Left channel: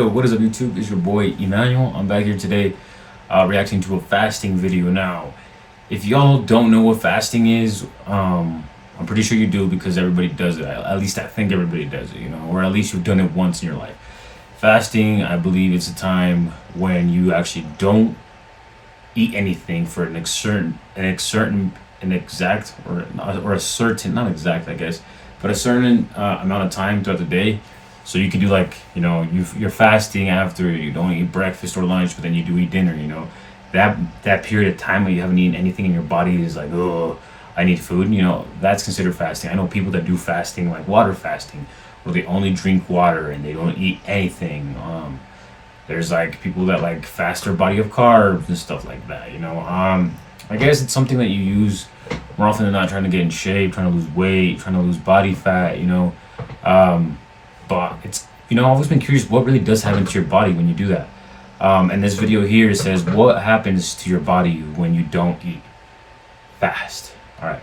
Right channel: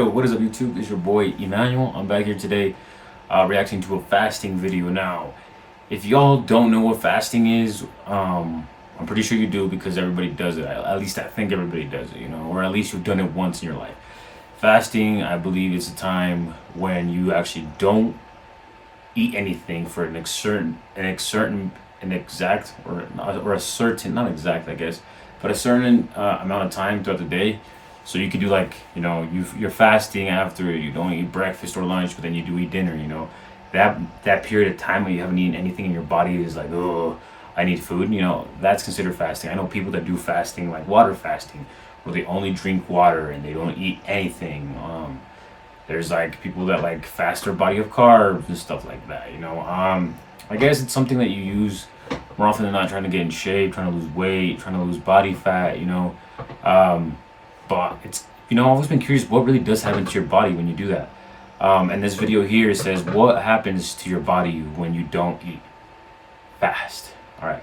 Yo, what is up YouTube? It's your boy Emmanuel. I'm back here today reacting to a fasting video. Now, if y'all don't know what fasting is, I'm pretty sure you do because everybody does it. At least I think everybody does it, you know, or at least you've done it once in your life. Fasting, I believe it's a time when you actually don't eat anything for an exact, or a certain, not exact, I guess, but a certain amount of time throughout the day. So you can do, like, you know, you're fasting after you don't eat breakfast or lunch, but then you do eat dinner, you know. That period of time where you haven't eaten anything in your body is like, oh, I need food, you know, that's considered fasting. I know people that do fasting, like water fasting, where they only drink water and they don't eat anything. There's like people that like fast their body of carbs and stuff like that, you know. I guess it's something that you use more often than not, trying to get in shape, trying to lose weight, trying to lose body fat, you know. But it's, you know, I've always been curious what really does happen to your body when you do that. And this video here says what happens to your body when you don't eat. Fast. All right,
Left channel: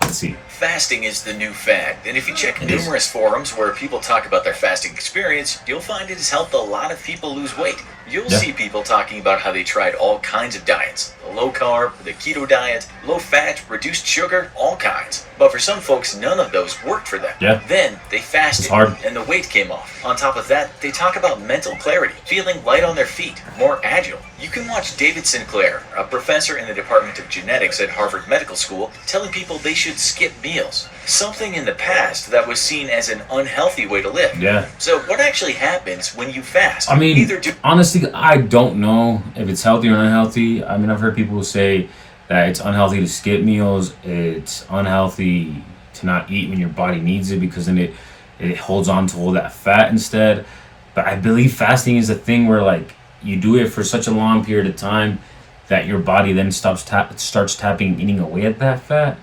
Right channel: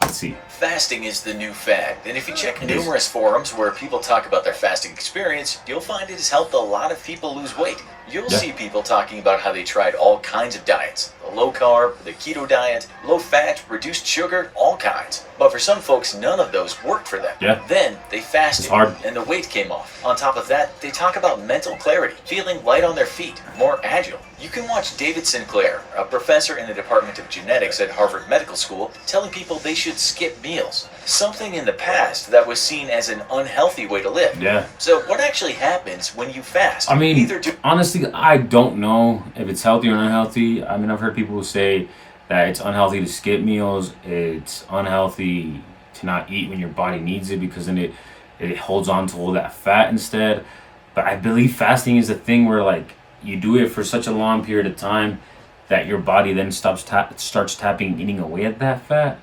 let's see. Fasting is the new fad, and if you check numerous forums where people talk about their fasting experience, you'll find it has helped a lot of people lose weight. You'll see people talking about how they tried all kinds of diets. The low carb, the keto diet, low fat, reduced sugar, all kinds. But for some folks, none of those worked for them. Then they fasted and the weight came off. On top of that, they talk about mental clarity, feeling light on their feet, more agile. You can watch David Sinclair, a professor in the Department of Genetics at Harvard Medical School, telling people they should skip meals. Something in the past that was seen as an unhealthy way to live. So what actually happens when you fast? I mean, honestly, I don't know if it's healthy or unhealthy. I mean, I've heard people say that it's unhealthy to skip meals. It's unhealthy to not eat when your body needs it because then it holds on to all that fat instead. But I believe fasting is a thing where, like, you do it for such a long period of time that your body then starts eating away at that fat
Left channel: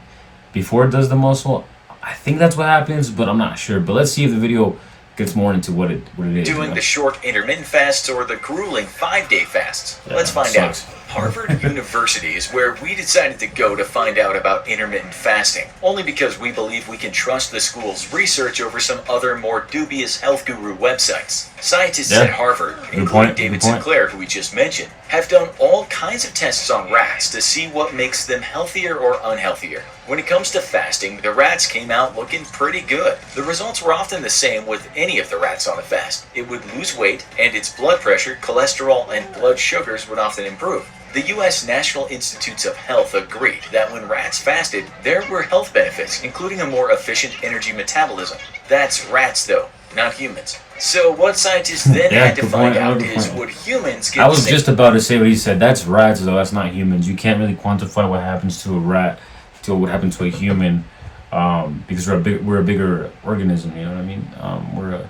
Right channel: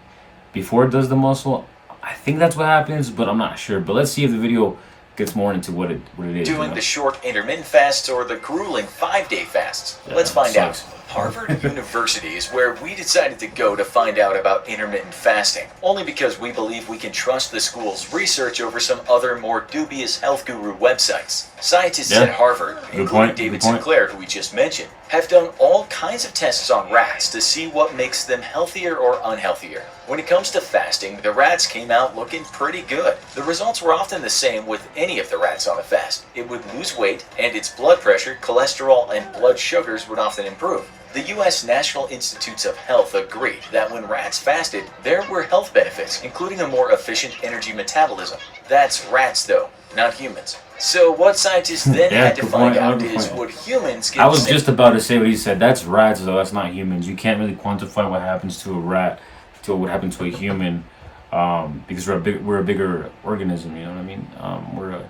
before it does the muscle. I think that's what happens, but I'm not sure. But let's see if the video gets more into what it is. Doing the short intermittent fasts or the grueling 5-day fasts. Let's find out. Harvard University is where we decided to go to find out about intermittent fasting, only because we believe we can trust the school's research over some other more dubious health guru websites. Scientists at Harvard, including David Sinclair, who we just mentioned, have done all kinds of tests on rats to see what makes them healthier or unhealthier. When it comes to fasting, the rats came out looking pretty good. The results were often the same with any of the rats on a fast. It would lose weight, and its blood pressure, cholesterol, and blood sugars would often improve. The U.S. National Institutes of Health agreed that when rats fasted, there were health benefits, including a more efficient energy metabolism. That's rats, though, not humans. So what scientists then had to find out is, would humans get... I was just about to say what he said. That's rats, though. That's not humans. You can't really quantify what happens to a rat to what happens to a human, because we're a bigger organism. You know what I mean?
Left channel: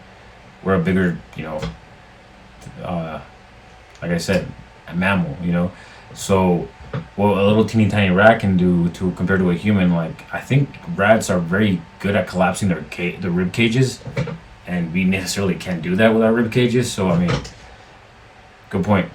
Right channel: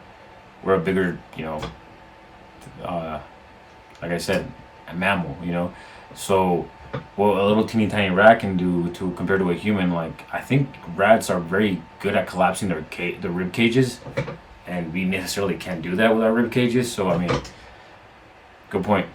We're a bigger, you know, like I said, a mammal. You know, so what a little teeny tiny rat can do to compared to a human, like, I think rats are very good at collapsing their rib cages. And we necessarily can't do that with our rib cages. So, I mean, good point.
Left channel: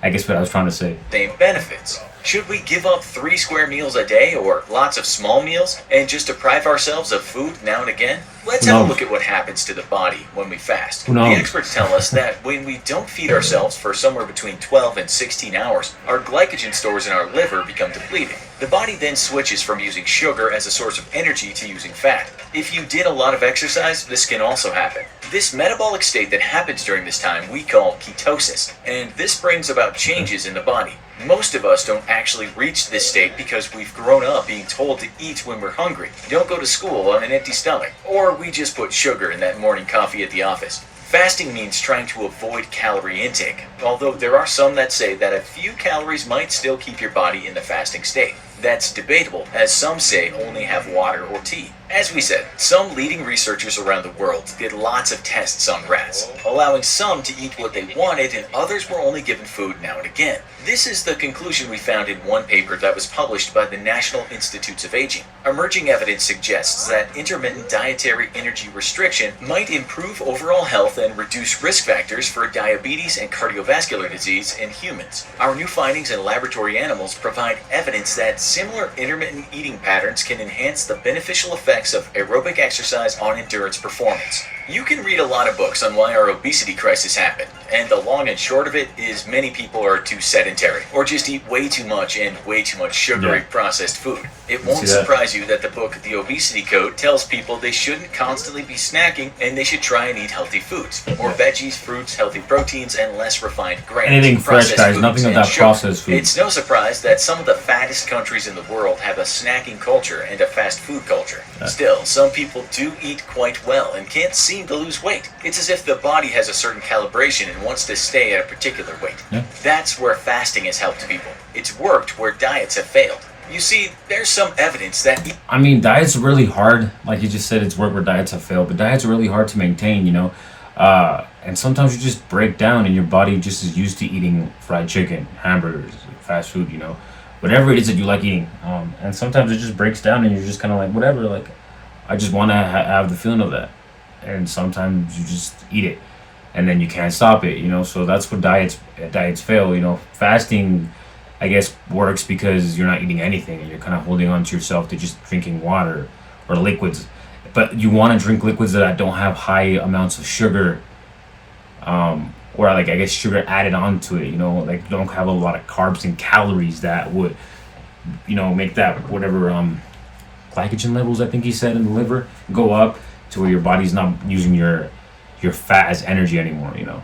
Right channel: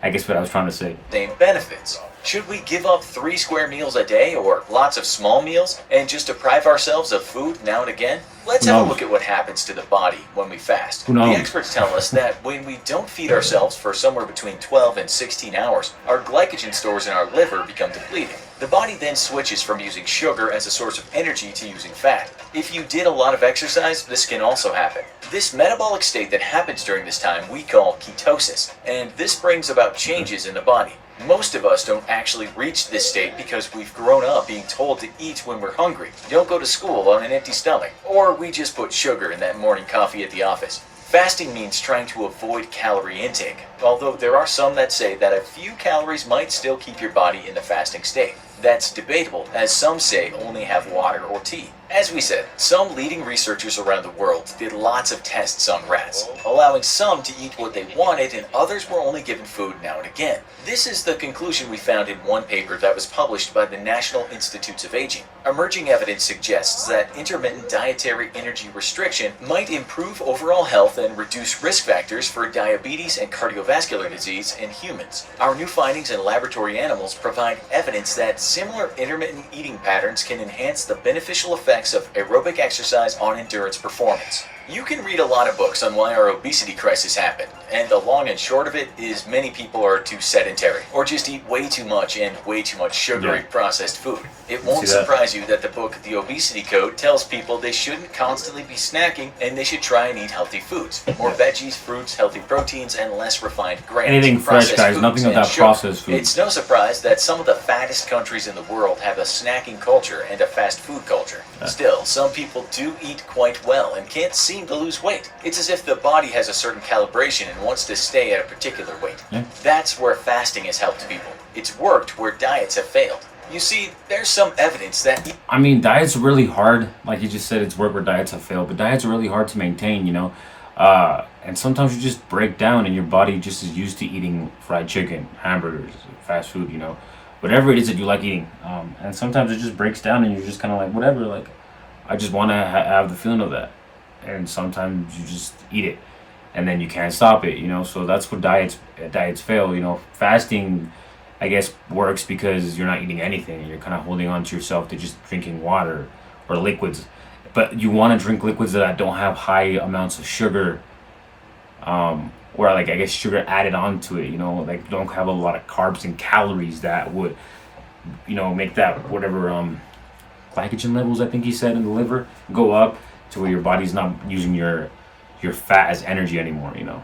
I guess what I was trying to say. Same benefits. Should we give up 3 square meals a day or lots of small meals and just deprive ourselves of food now and again? Let's have a look at what happens to the body when we fast. The experts tell us that when we don't feed ourselves for somewhere between 12 and 16 hours, our glycogen stores in our liver become depleted. The body then switches from using sugar as a source of energy to using fat. If you did a lot of exercise, this can also happen. This metabolic state that happens during this time we call ketosis, and this brings about changes in the body. Most of us don't actually reach this state because we've grown up being told to eat when we're hungry, don't go to school on an empty stomach, or we just put sugar in that morning coffee at the office. Fasting means trying to avoid calorie intake, although there are some that say that a few calories might still keep your body in the fasting state. That's debatable, as some say only have water or tea. As we said, some leading researchers around the world did lots of tests on rats, allowing some to eat what they wanted and others were only given food now and again. This is the conclusion we found in one paper that was published by the National Institutes of Aging. Emerging evidence suggests that intermittent dietary energy restriction might improve overall health and reduce risk factors for diabetes and cardiovascular disease in humans. Our new findings in laboratory animals provide evidence that similar intermittent eating patterns can enhance the beneficial effects of aerobic exercise on endurance performance. You can read a lot of books on why our obesity crisis happened, and the long and short of it is many people are too sedentary, or just eat way too much and way too much sugary processed food. It won't surprise you that the book The Obesity Code tells people they shouldn't constantly be snacking and they should try and eat healthy foods. More veggies, fruits, healthy proteins, and less refined grains. Anything fresh, guys, nothing of that processed food. It's no surprise that some of the fattest countries in the world have a snacking culture and a fast food culture. Still, some people do eat quite well and can't seem to lose weight. It's as if the body has a certain calibration and wants to stay at a particular weight. That's where fasting has helped people. It's worked where diets have failed. You see, there's some evidence that... I mean, diets are really hard. Like you just said, it's work where diets have failed. But diets are really hard to maintain, you know. And sometimes you just break down and your body just is used to eating fried chicken, hamburgers, fast food, you know. Whatever it is that you like eating. And sometimes it just breaks down and you're just kind of like, whatever. Like, I just want to have the feeling of that. And sometimes you just eat it. And then you can't stop it, you know. So that's what diets fail, you know. Fasting, I guess, works because you're not eating anything and you're kind of holding on to yourself to just drinking water or liquids. But you want to drink liquids that don't have high amounts of sugar, or like, I guess, sugar added onto it, you know, like don't have a lot of carbs and calories that would, you know, make that whatever glycogen levels, I think he said, in the liver go up to where your body's not using your fat as energy anymore, you know,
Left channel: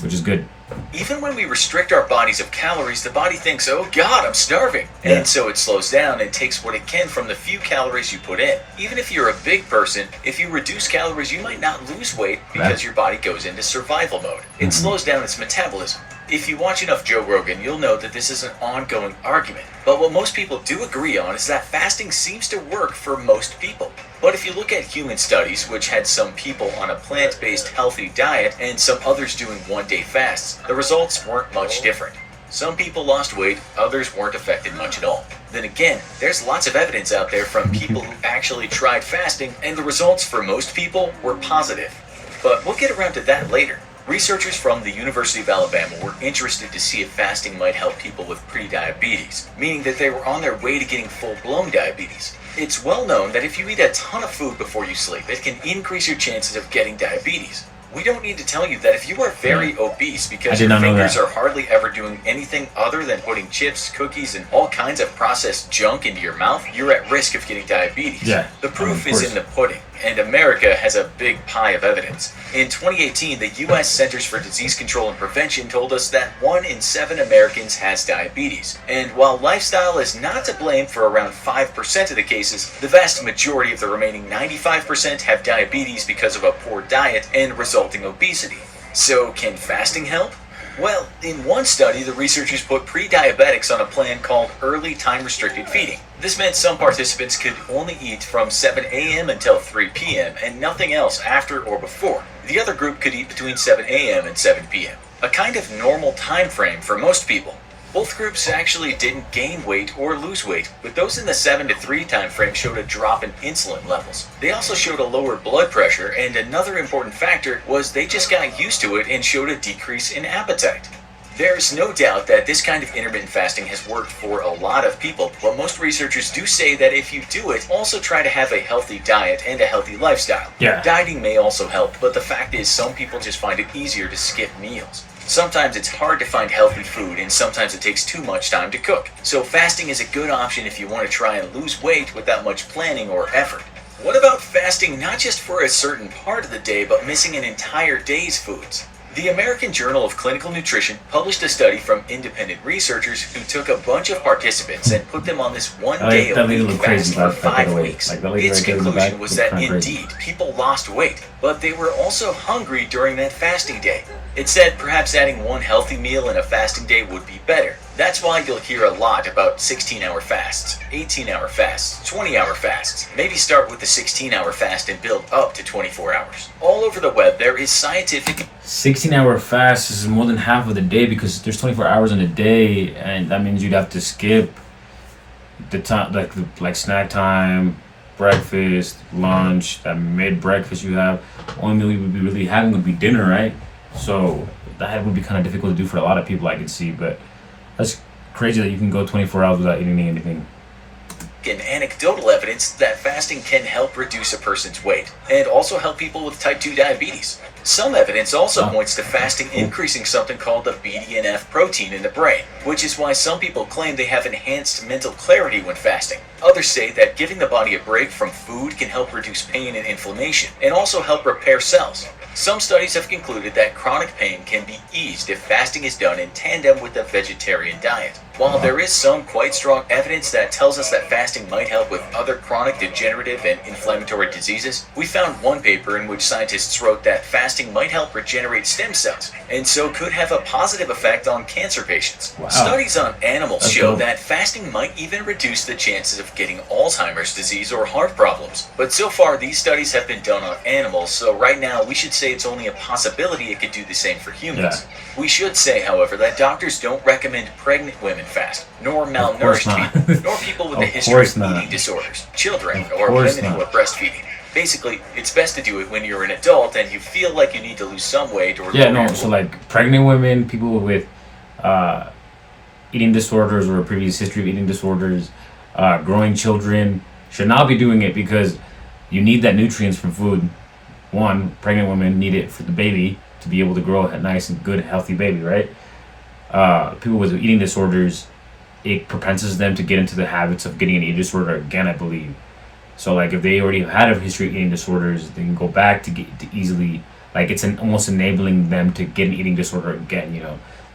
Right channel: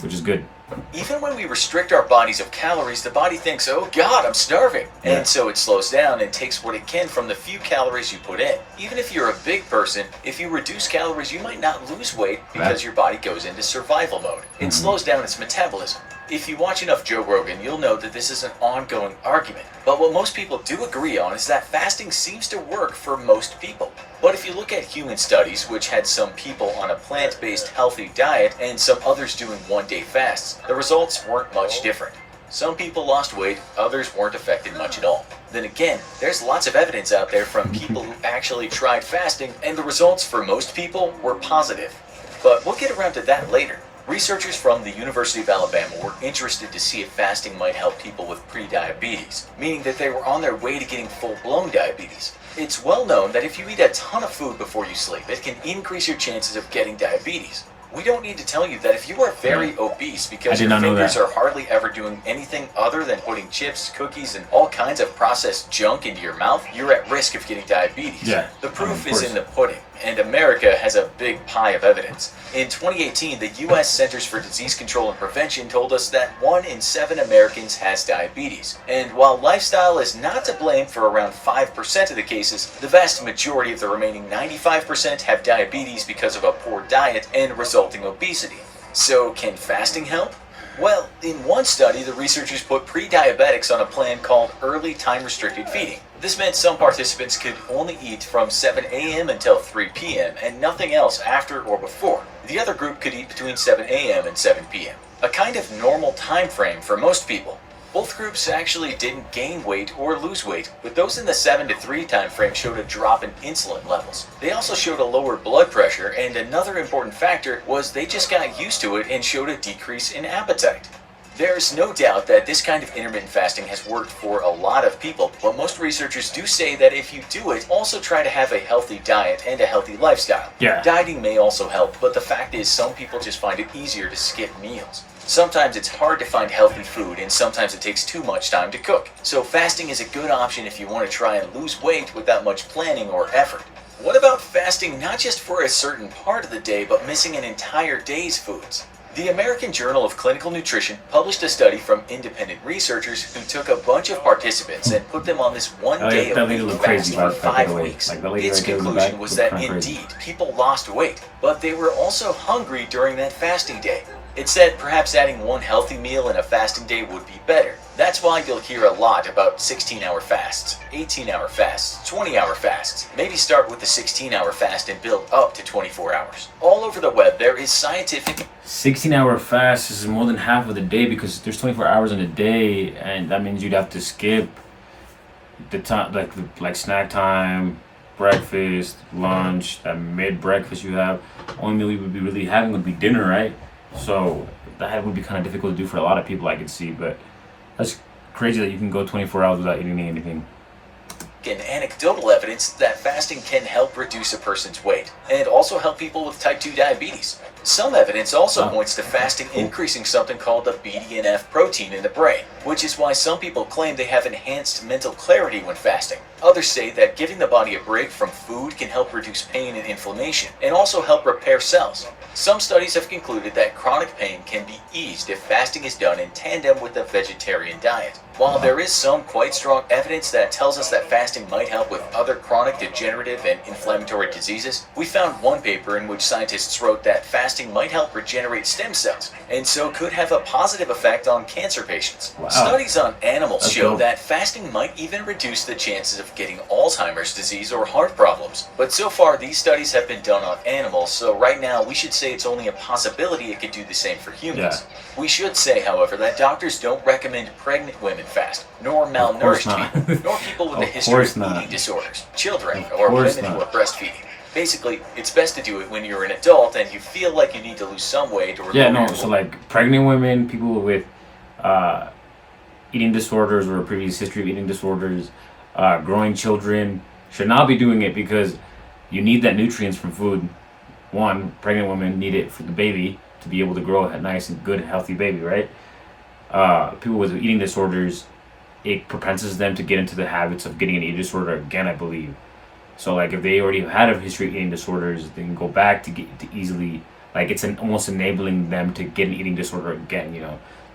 which is good. Even when we restrict our bodies of calories, the body thinks, oh God, I'm starving. And so it slows down and takes what it can from the few calories you put in. Even if you're a big person, if you reduce calories, you might not lose weight because your body goes into survival mode. It slows down its metabolism. If you watch enough Joe Rogan, you'll know that this is an ongoing argument. But what most people do agree on is that fasting seems to work for most people. But if you look at human studies, which had some people on a plant-based healthy diet and some others doing one-day fasts, the results weren't much different. Some people lost weight, others weren't affected much at all. Then again, there's lots of evidence out there from people who actually tried fasting, and the results for most people were positive. But we'll get around to that later. Researchers from the University of Alabama were interested to see if fasting might help people with pre-diabetes, meaning that they were on their way to getting full-blown diabetes. It's well known that if you eat a ton of food before you sleep, it can increase your chances of getting diabetes. We don't need to tell you that if you are very obese because your fingers are hardly ever doing anything other than putting chips, cookies, and all kinds of processed junk into your mouth, you're at risk of getting diabetes. The proof is in the pudding, and America has a big pie of evidence. In 2018, the U.S. Centers for Disease Control and Prevention told us that 1 in 7 Americans has diabetes. And while lifestyle is not to blame for around 5% of the cases, the vast majority of the remaining 95% have diabetes because of a poor diet and resulting obesity. So can fasting help? Well, in one study, the researchers put pre-diabetics on a plan called early time-restricted feeding. This meant some participants could only eat from 7 a.m. until 3 p.m. and nothing else after or before. The other group could eat between 7 a.m. and 7 p.m., a kind of normal time frame for most people. Both groups actually didn't gain weight or lose weight, but those in the 7 to 3 time frame showed a drop in insulin levels. They also showed a lower blood pressure, and another important factor was they just got used to it and showed a decrease in appetite. There's no doubt that this kind of intermittent fasting has worked for a lot of people, but most researchers do say that if you do it, also try to have a healthy diet and a healthy lifestyle. Dieting may also help, but the fact is some people just find it easier to skip meals. Sometimes it's hard to find healthy food, and sometimes it takes too much time to cook. So fasting is a good option if you want to try and lose weight without much planning or effort. What about fasting not just for a certain part of the day, but missing an entire day's foods? The American Journal of Clinical Nutrition published a study from independent researchers who took a bunch of participants and put them on this one-day-a-week fast for 5 weeks. Its conclusion was that indeed, people lost weight, but they were also hungry during that fasting day. It said perhaps adding one healthy meal in a fasting day would be better. That's why you'll hear a lot about 16-hour fasts, 18-hour fasts, 20-hour fasts. Maybe start with the 16-hour fast and build up to 24 hours. All over the web, there is scientific... 16-hour fast is more than half of the day because there's 24 hours in a day, and that means you'd have to skip the time, like snack time, breakfast, lunch, that mid-breakfast you have. Only meal you would be really having would be dinner, right? So that would be kind of difficult to do for a lot of people, I could see, but that's crazy that you can go 24 hours without eating anything. scientific and anecdotal evidence that fasting can help reduce a person's weight and also help people with type 2 diabetes. Some evidence also points to fasting increasing something called the BDNF protein in the brain, which is why some people claim they have enhanced mental clarity when fasting. Others say that giving the body a break from food can help reduce pain and inflammation and also help repair cells. Some studies have concluded that chronic pain can be eased if fasting is done in tandem with a vegetarian diet. While there is some quite strong evidence that tells us that fasting might help with other chronic degenerative and inflammatory diseases, we found one paper in which scientists wrote that fasting might help regenerate stem cells, and so could have a positive effect on cancer patients. Wow. Studies on animals That's show dope. that fasting might even reduce the chances of getting Alzheimer's disease or heart problems. But so far, these studies have been done on animals, so right now we should say it's only a possibility it could do the same for humans. We should say, however, that doctors don't recommend pregnant women fast, nor malnourished people, nor people with a history of eating disorders, children, or women who are breastfeeding. Basically, it's best to do it when you're an adult and you feel like you need to lose some weight or So like pregnant women, people with eating disorders or a previous history of eating disorders, growing children should not be doing it because you need that nutrients from food. One, pregnant women need it for the baby to be able to grow a nice and good healthy baby, right? People with eating disorders, it propenses them to get into the habits of getting an eating disorder again, I believe. So like if they already had a history of eating disorders, they can go back to get to easily, like it's almost enabling them to get an eating disorder again,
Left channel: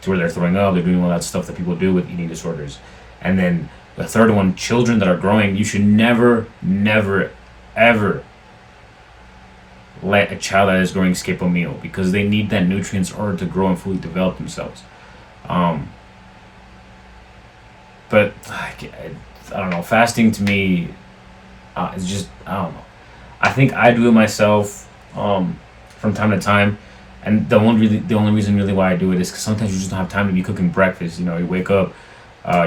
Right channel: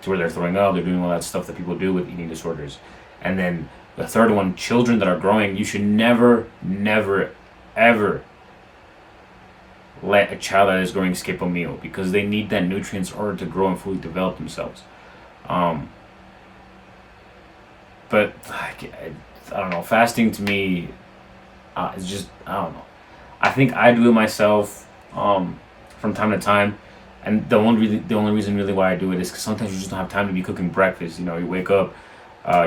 to where they're throwing up, they're doing all that stuff that people do with eating disorders. And then the third one, children that are growing, you should never, ever let a child that is growing skip a meal because they need that nutrients in order to grow and fully develop themselves. But I don't know, fasting to me, it's just, I don't know. I think I do it myself from time to time, and the only reason really why I do it is because sometimes you just don't have time to be cooking breakfast. You wake up,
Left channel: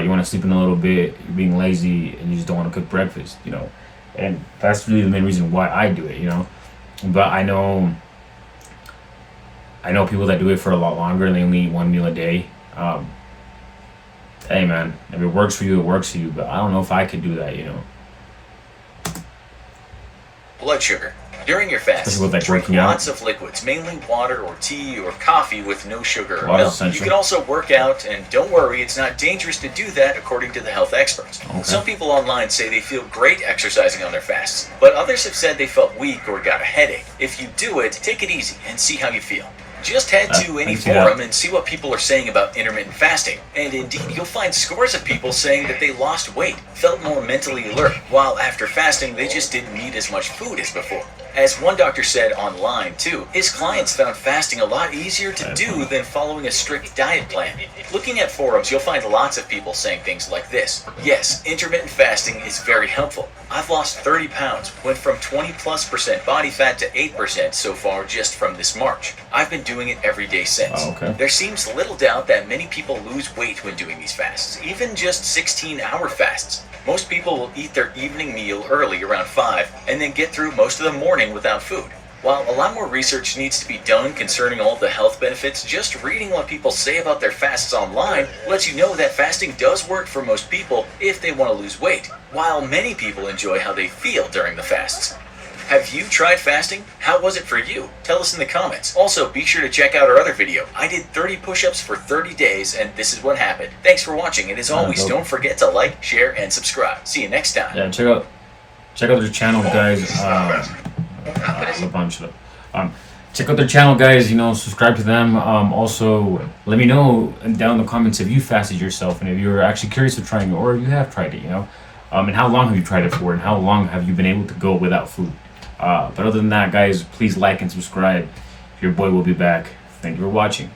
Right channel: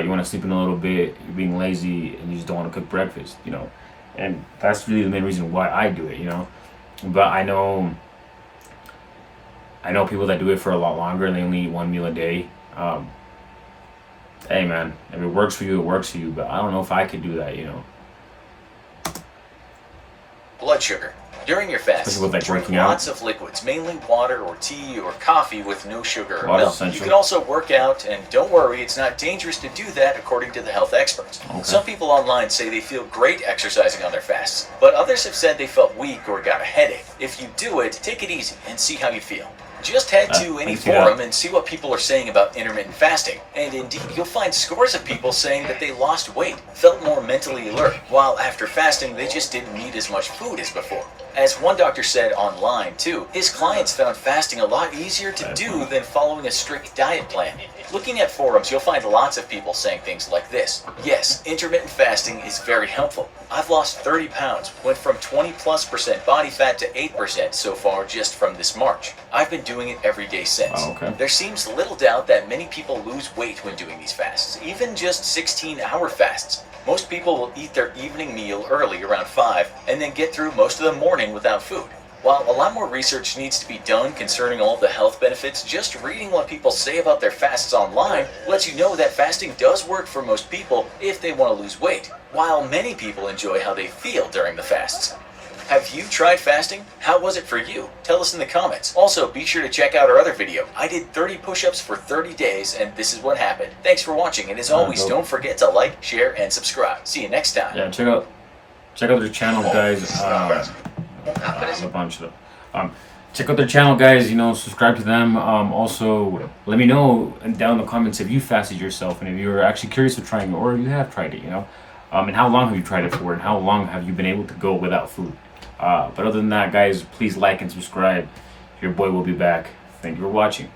you want to sleep in a little bit, you're being lazy, and you just don't want to cook breakfast. And that's really the main reason why I do it. But I know people that do it for a lot longer and they only eat one meal a day. Hey man, if it works for you, it works for you. But I don't know if I could do that. Blood sugar. During your fast, Especially with, like, drink working out. lots of liquids, mainly water or tea or coffee with no sugar or Water's milk. essential. You can also work out, and don't worry, it's not dangerous to do that according to the health experts. Okay. Some people online say they feel great exercising on their fasts, but others have said they felt weak or got a headache. If you do it, take it easy and see how you feel. Just head to any forum and see what people are saying about intermittent fasting. And indeed, you'll find scores of people saying that they lost weight, felt more mentally alert, while after fasting they just didn't need as much food as before. As one doctor said online too, his clients found fasting a lot easier to do than following a strict diet plan. Looking at forums, you'll find lots of people saying things like this. Yes, intermittent fasting is very helpful. I've lost 30 pounds, went from 20+% body fat to 8% so far just from this March. I've been doing it every day since. Oh, okay. There seems little doubt that many people lose weight when doing these fasts, even just 16-hour fasts. Most people will eat their evening meal early around 5 and then get through most of the morning without food. While a lot more research needs to be done concerning all the health benefits, just reading what people say about their fasts online lets you know that fasting does work for most people if they want to lose weight, while many people enjoy how they feel during the fasts. Have you tried fasting? How was it for you? Tell us in the comments. Also, be sure to check out our other video. I did 30 push-ups for 30 days and this is what happened. Thanks for watching, and as always, don't forget to like, share, and subscribe. See you next time. Yeah, check out their channel, guys. A bunch of them. Check out their channel, guys. Subscribe to them. Also, let me know down in the comments if you fasted yourself and if you're actually curious of trying it or if you have tried it. And how long have you tried it for, and how long have you been able to go without food? But other than that, guys, please like and subscribe. Your boy will be back. Thank you for watching.